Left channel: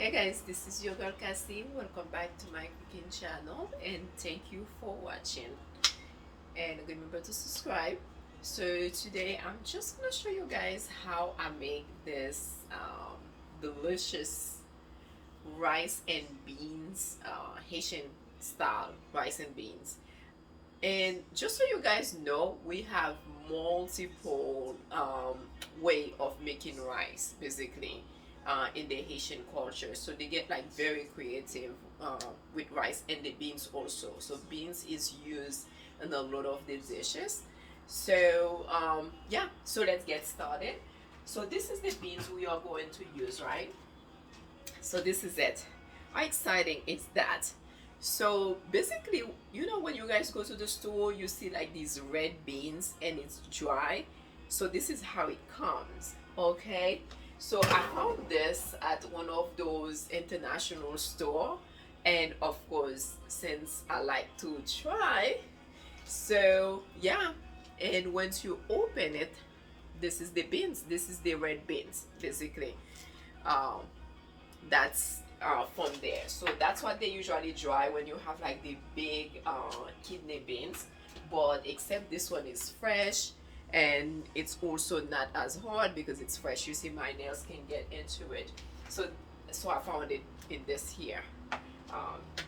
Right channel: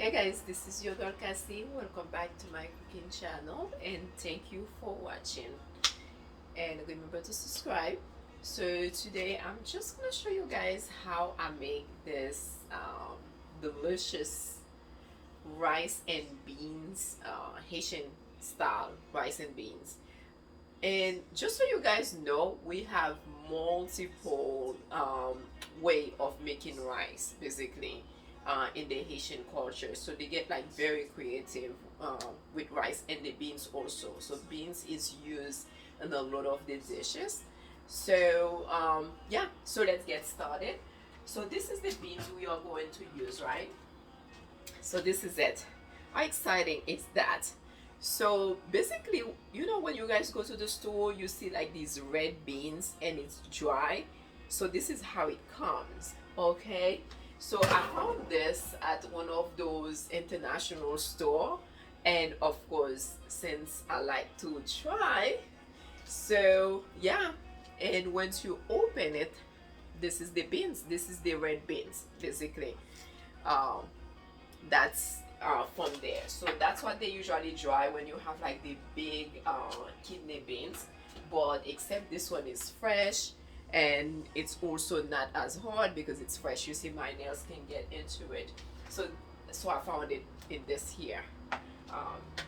Hey guys, this is your girl Cassie. Welcome back to my cooking channel and thank you for watching. And remember to subscribe. So today I'm just gonna show you guys how I make this delicious rice and beans, Haitian style rice and beans. And just so you guys know, we have multiple way of making rice basically in the Haitian culture. So they get like very creative with rice and the beans also. So beans is used in a lot of the dishes. So yeah, so let's get started. So this is the beans we are going to use, right? So this is it. How exciting is that? So basically, you know, when you guys go to the store, you see like these red beans and it's dry. So this is how it comes, okay? So I found this at one of those international store, and of course, since I like to try, so yeah, and once you open it, this is the beans. This is the red beans, basically. Um, that's from there. So that's what they usually dry when you have like the big kidney beans. But except this one is fresh and it's also not as hard because it's fresh. You see, my nails can get into it. So I found it in this here,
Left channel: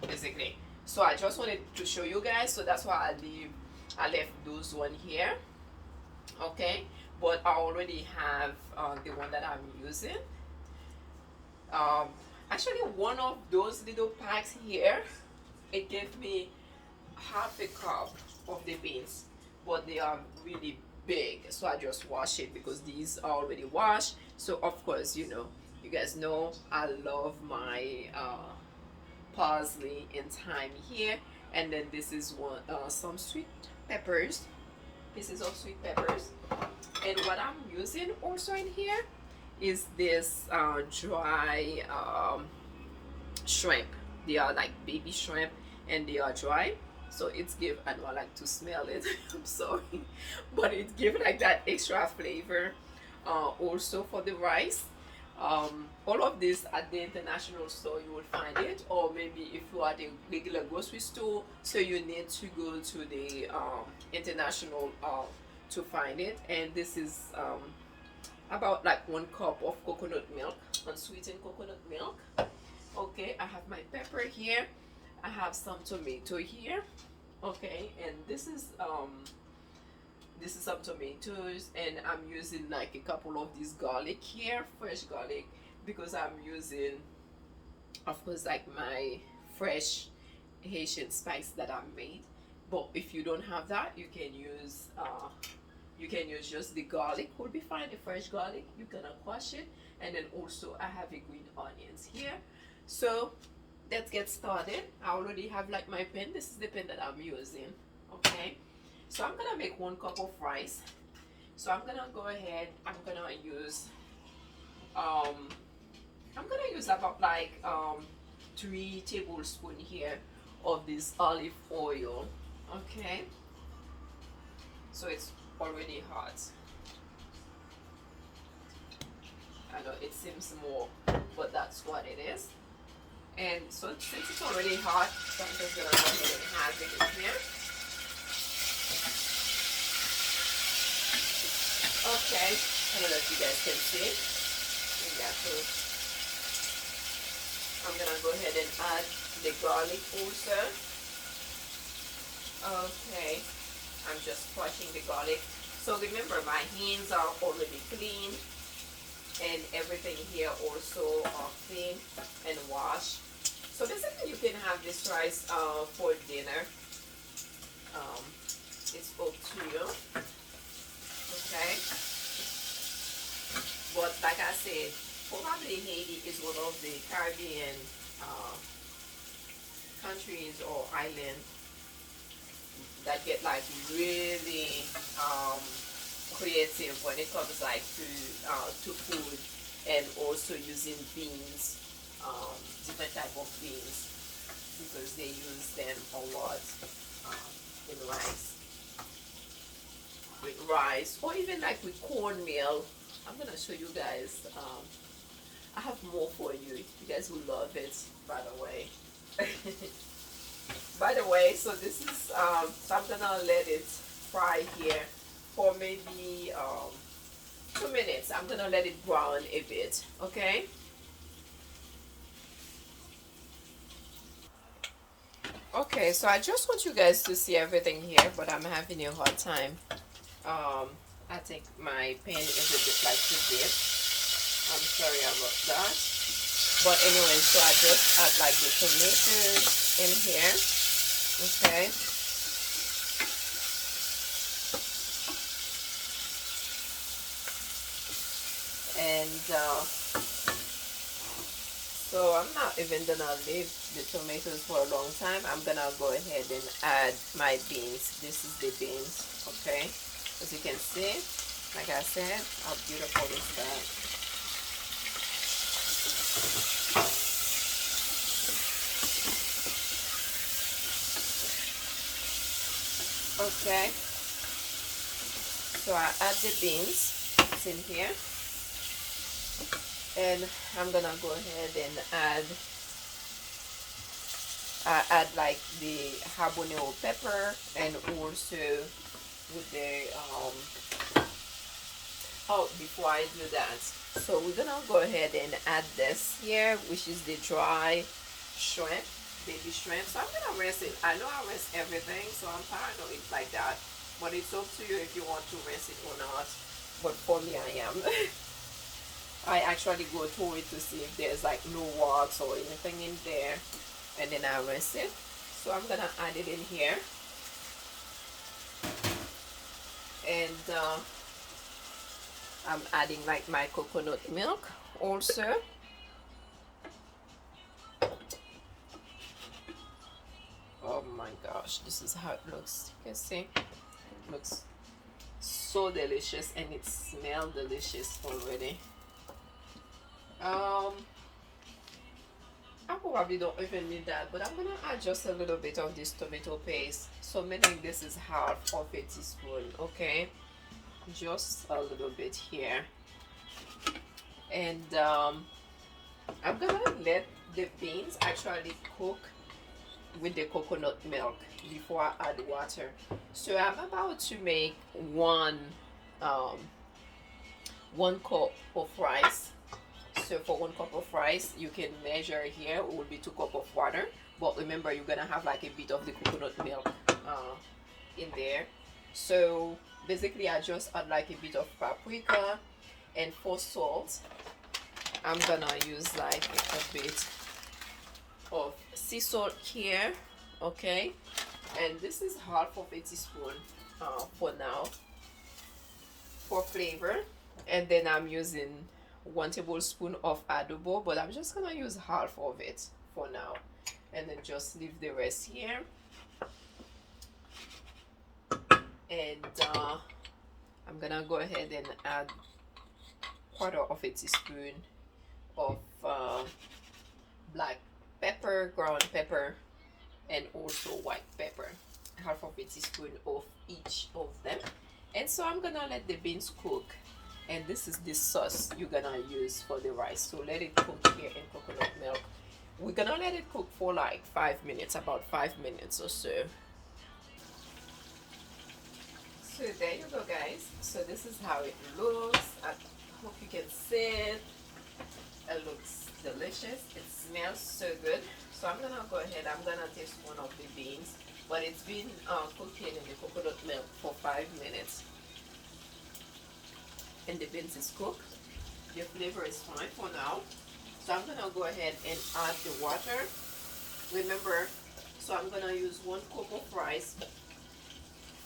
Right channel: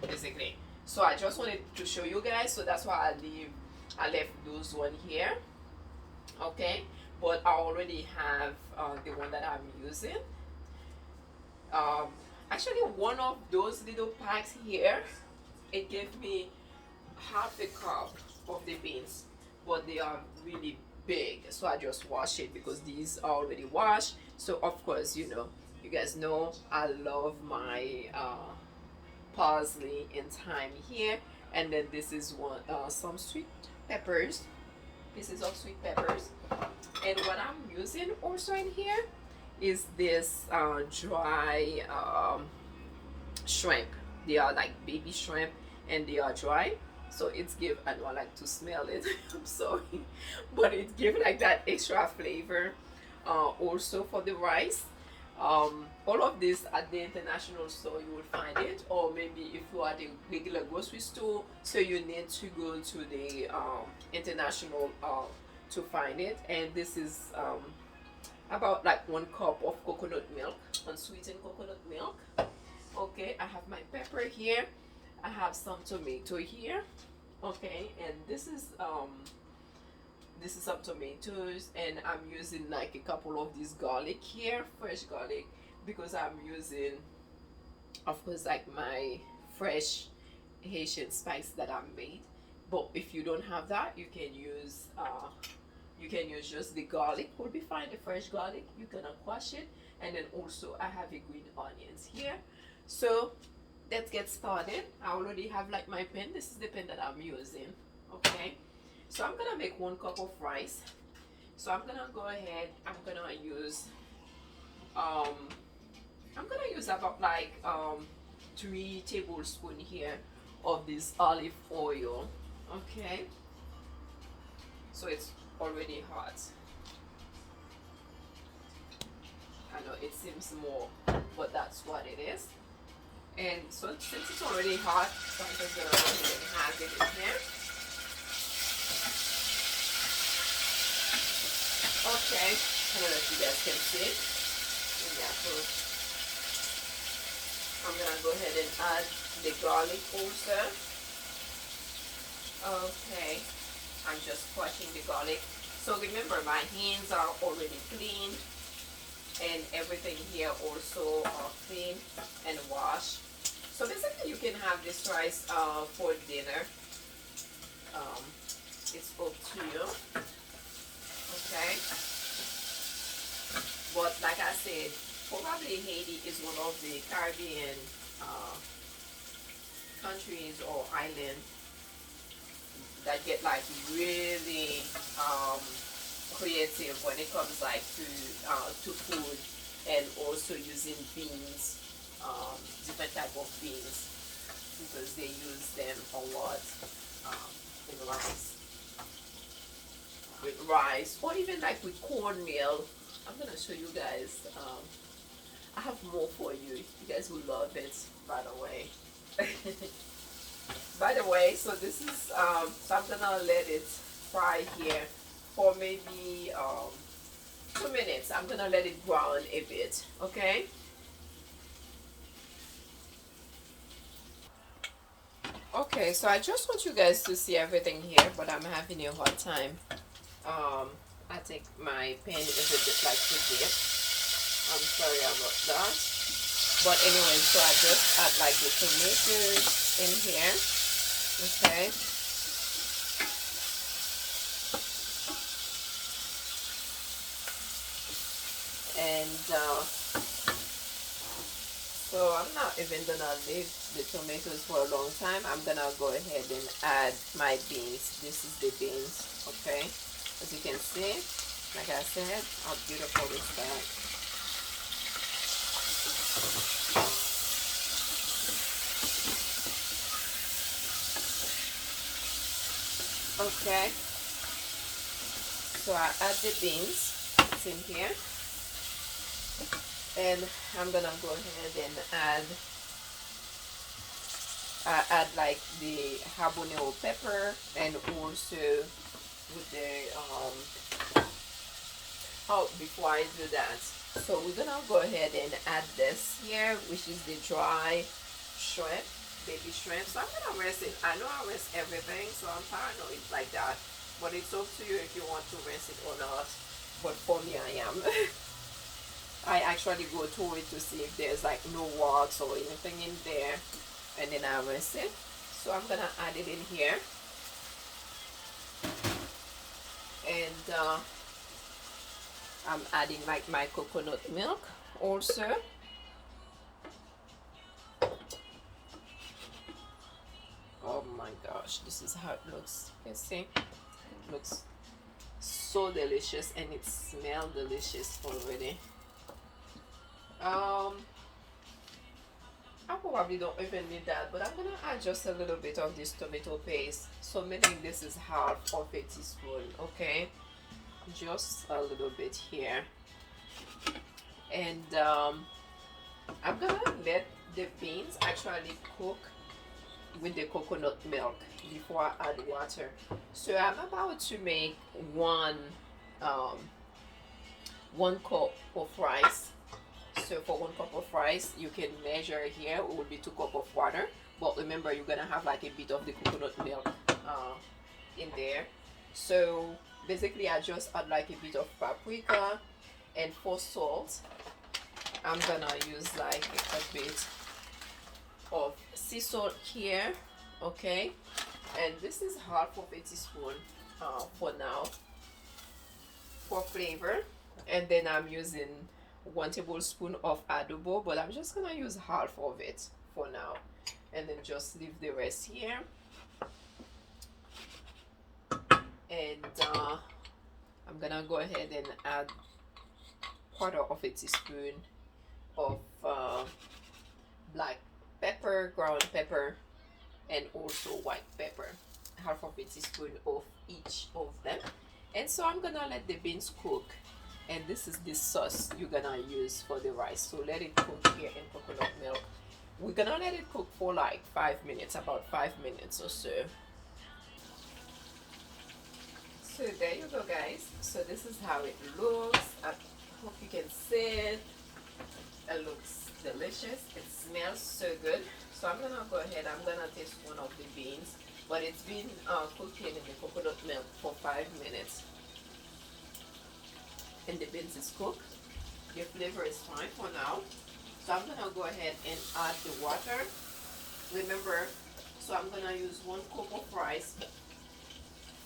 basically. So I just wanted to show you guys. So that's why I left those one here. Okay, but I already have the one that I'm using. Um, Actually, one of those little packs here, it gave me half a cup of the beans, but they are really big. So I just wash it because these are already washed. So of course, you know, you guys know I love my parsley and thyme here. And then this is one some sweet peppers. This is all sweet peppers. And what I'm using also in here is this dry shrimp. They are like baby shrimp and they are dry. So it's give, I don't like to smell it, I'm sorry, but it give like that extra flavor also for the rice. All of this at the international store you will find it, or maybe if you are at the regular grocery store, so you need to go to the international to find it. And this is about like 1 cup of coconut milk, unsweetened coconut milk. Okay, I have my pepper here. I have some tomato here. Okay, and this is some tomatoes, and I'm using like a couple of these garlic here, fresh garlic, because I'm using, of course, like my fresh Haitian spice that I made. But if you don't have that, you can use just the garlic, will be fine, the fresh garlic. You're gonna wash it, and then also I have a green onions here. So let's get started. I already have like my pen. This is the pen that I'm using. Okay, so I'm gonna make 1 cup of rice. So I'm gonna go ahead, um I'm gonna use about like 3 tablespoons here of this olive oil. Okay, so it's already hot. I know it seems more, but that's what it is. And so since it's already hot, so I'm just gonna go ahead and have it in here. Okay, I don't know if you guys can see it. Yeah, so I'm gonna go ahead and add the garlic also. Okay, I'm just crushing the garlic. So remember, my hands are already clean, and everything here also are clean and washed. So basically, you can have this rice for dinner. Um, it's up to you. Okay, but like I said, probably Haiti is one of the Caribbean uh, countries or islands that get like really creative when it comes like to food, and also using beans, different type of beans, because they use them a lot in rice, or even like with cornmeal. I'm gonna show you guys. I have more for you. You guys will love it, by the way. By the way, so this is so I'm gonna let it fry here for maybe 2 minutes. I'm gonna let it brown a bit, okay? Okay, so I just want you guys to see everything here, but I'm having a hard time. I think my pan is a bit like too deep. I'm sorry about that. But anyway, so I just add like the tomatoes in here, okay? And so I'm not even gonna leave the tomatoes for a long time. I'm gonna go ahead and add my beans. This is the beans, okay? As you can see, like I said, how beautiful is that? Okay, so I add the beans. It's in here. And I'm gonna go ahead and add like the habanero pepper, and also with the oh, before I do that, so we're gonna go ahead and add this here, which is the dry shrimp, baby shrimp. So I'm gonna rinse it. I know I rinse everything, so I'm paranoid like that, but it's up to you if you want to rinse it or not. But for me, I am. I actually go through it to see if there's like no wax or anything in there, and then I rinse it. So I'm gonna add it in here, and I'm adding like my coconut milk also. Oh my gosh, this is how it looks. You see, it looks so delicious, and it smells delicious already. I probably don't even need that, but I'm gonna add just a little bit of this tomato paste. So meaning this is half of a teaspoon, okay? Just a little bit here. And I'm gonna let the beans actually cook with the coconut milk before I add water. So I'm about to make one cup of rice. So for 1 cup of rice, you can measure here, it will be 2 cups of water. But remember, you're gonna have like a bit of the coconut milk in there. So basically, I just add like a bit of paprika, and for salt, I'm gonna use like a bit of sea salt here, okay? And this is half of a teaspoon for now for flavor. And then I'm using 1 tablespoon of adobo, but I'm just gonna use half of it for now, and then just leave the rest here. And I'm gonna go ahead and add 1/4 of a teaspoon of black pepper, ground pepper, and also white pepper, half of a teaspoon of each of them. And so I'm gonna let the beans cook, and this is the sauce you're gonna use for the rice. So let it cook here in coconut milk. We're gonna let it cook for like 5 minutes, about 5 minutes or so. So there you go, guys. So this is how it looks. I hope you can see it. It looks delicious. It smells so good. So I'm gonna go ahead, I'm gonna taste one of the beans, but it's been cooking in the coconut milk for 5 minutes. And the beans is cooked. The flavor is fine for now. So I'm gonna go ahead and add the water. Remember, so I'm gonna use 1 cup of rice.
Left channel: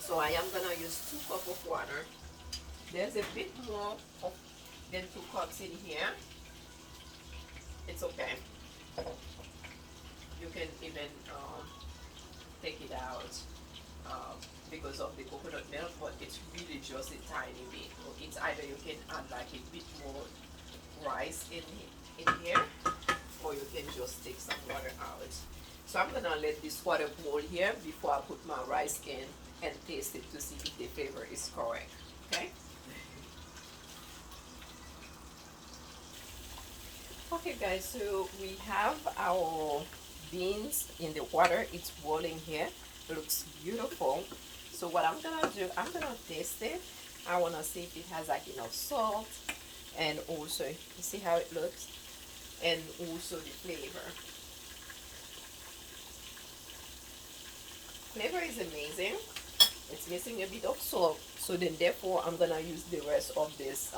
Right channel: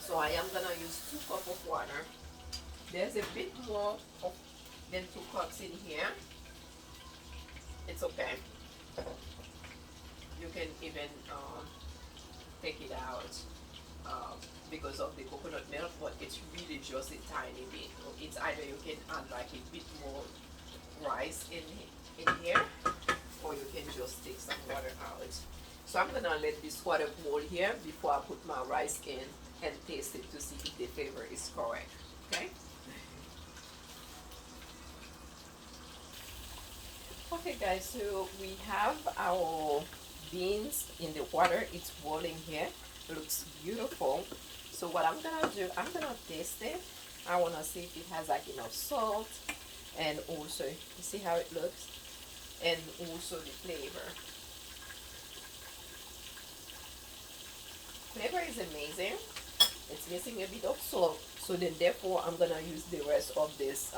So I am gonna use 2 cups of water. There's a bit more than 2 cups in here. It's okay. You can even take it out because of the coconut milk, but it's really just a tiny bit. It's either you can add like a bit more rice in here, or you can just take some water out. So I'm gonna let this water boil here before I put my rice in and taste it to see if the flavor is correct. Okay. Okay guys, so we have our beans in the water. It's boiling here. It looks beautiful. So what I'm gonna do, I'm gonna taste it. I wanna see if it has like enough salt, and also you see how it looks, and also the flavor. Flavor is amazing. It's missing a bit of salt, so then therefore I'm gonna use the rest of this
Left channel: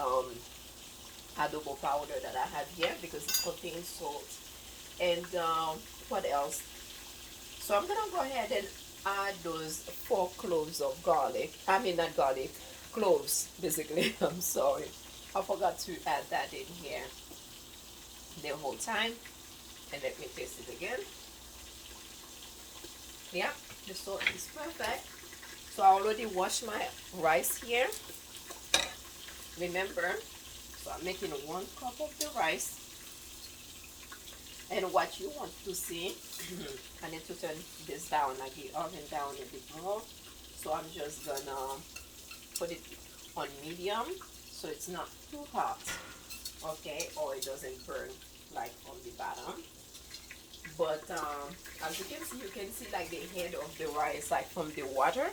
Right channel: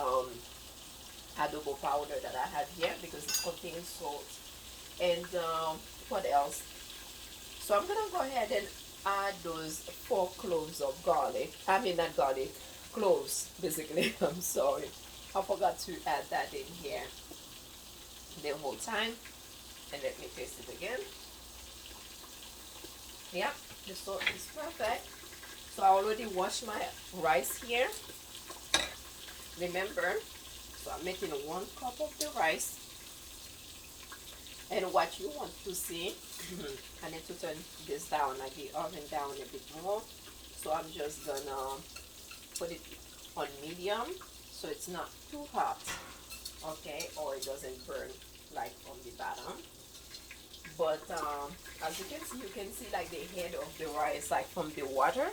adobo powder that I have here because it contains salt. And what else? So I'm gonna go ahead and add those 4 cloves of garlic. I mean not garlic, cloves basically. I'm sorry, I forgot to add that in here the whole time. And let me taste it again. Yeah, the salt is perfect. So I already washed my rice here, remember. So I'm making 1 cup of the rice. And what you want to see, I need to turn this down, like the oven down a bit more. So I'm just gonna put it on medium so it's not too hot, okay, or it doesn't burn like on the bottom. But as you can see like the head of the rice like from the water.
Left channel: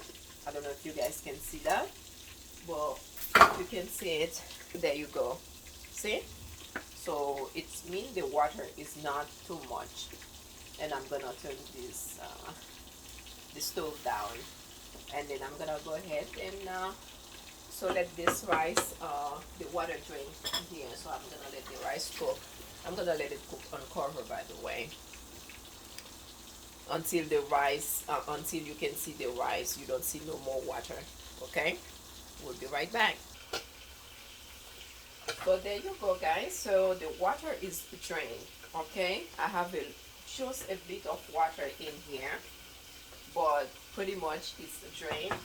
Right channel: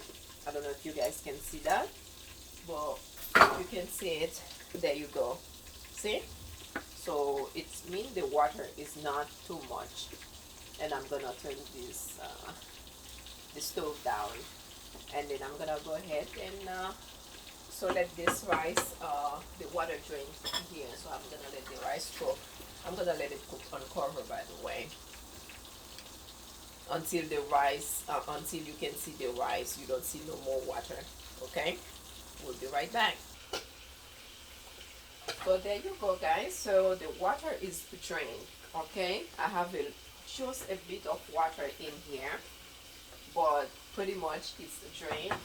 I don't know if you guys can see that, but if you can see it, there you go. See? So it means the water is not too much. And I'm gonna turn this the stove down, and then I'm gonna go ahead and so let this rice the water drain here. So I'm gonna let the rice cook. I'm gonna let it cook on cover, by the way, until the rice until you can see the rice. You don't see no more water. Okay, we'll be right back. So there you go guys, so the water is drained. Okay, I have just a bit of water in here, but pretty much it's drained.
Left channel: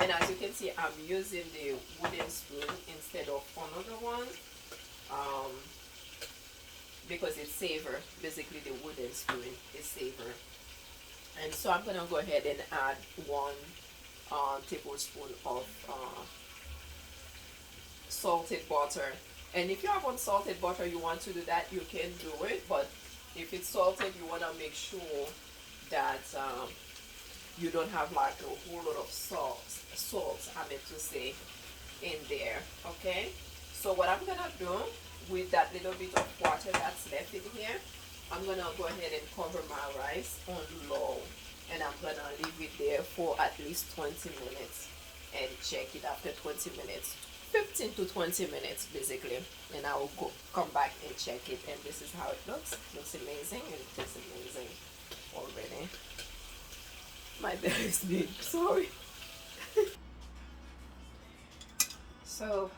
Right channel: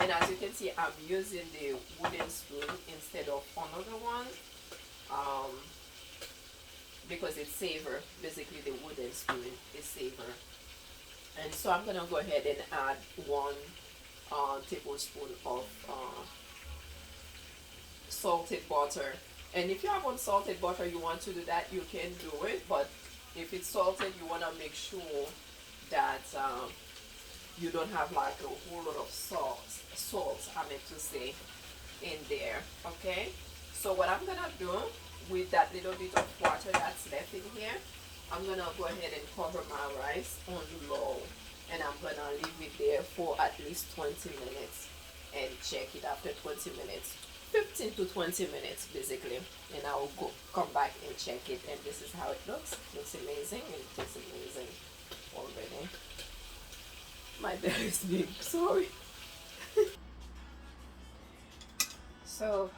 And as you can see, I'm using the wooden spoon instead of another one, um, because it's safer. Basically the wooden spoon is safer. And so I'm gonna go ahead and add 1 tablespoon of salted butter. And if you have unsalted butter, you want to do that, you can do it. But if it's salted, you want to make sure that you don't have like a whole lot of salt, I meant to say, in there. Okay, so what I'm gonna do with that little bit of water that's left in here, I'm gonna go ahead and cover my rice on low, and I'm gonna leave it there for at least 20 minutes and check it after 20 minutes. 15 to 20 minutes basically, and I will come back and check it. And this is how it looks. Looks amazing, and it tastes amazing already. My belly is big, sorry. So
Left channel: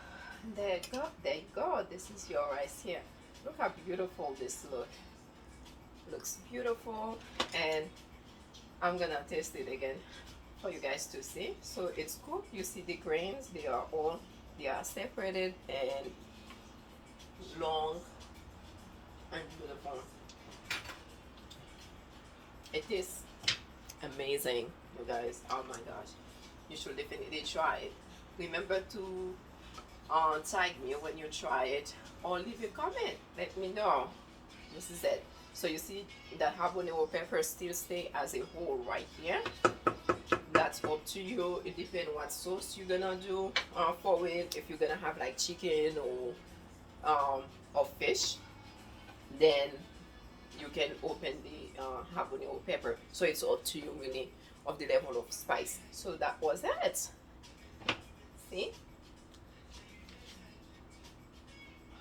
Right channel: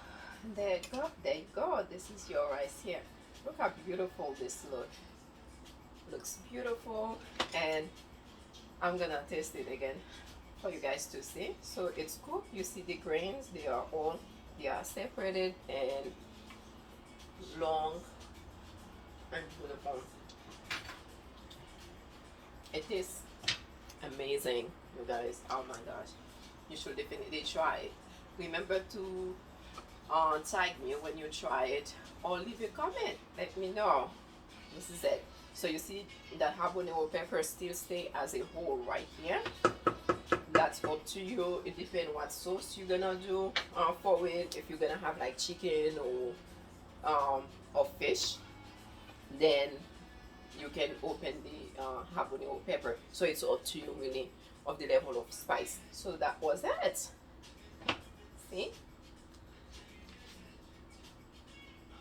there you go, there you go. This is your rice here. Look how beautiful this looks beautiful. And I'm gonna taste it again for you guys to see. So it's cooked. You see the grains, they are separated and long and beautiful. It tastes amazing, you guys. Oh my gosh, you should definitely try it. Remember to tag me when you try it, or leave a comment, let me know. This is it. So you see that habanero pepper still stay as a whole right here. That's up to you. It depends what sauce you're gonna do for it. If you're gonna have like chicken or fish, then you can open the habanero pepper. So it's up to you really of the level of spice. So that was it.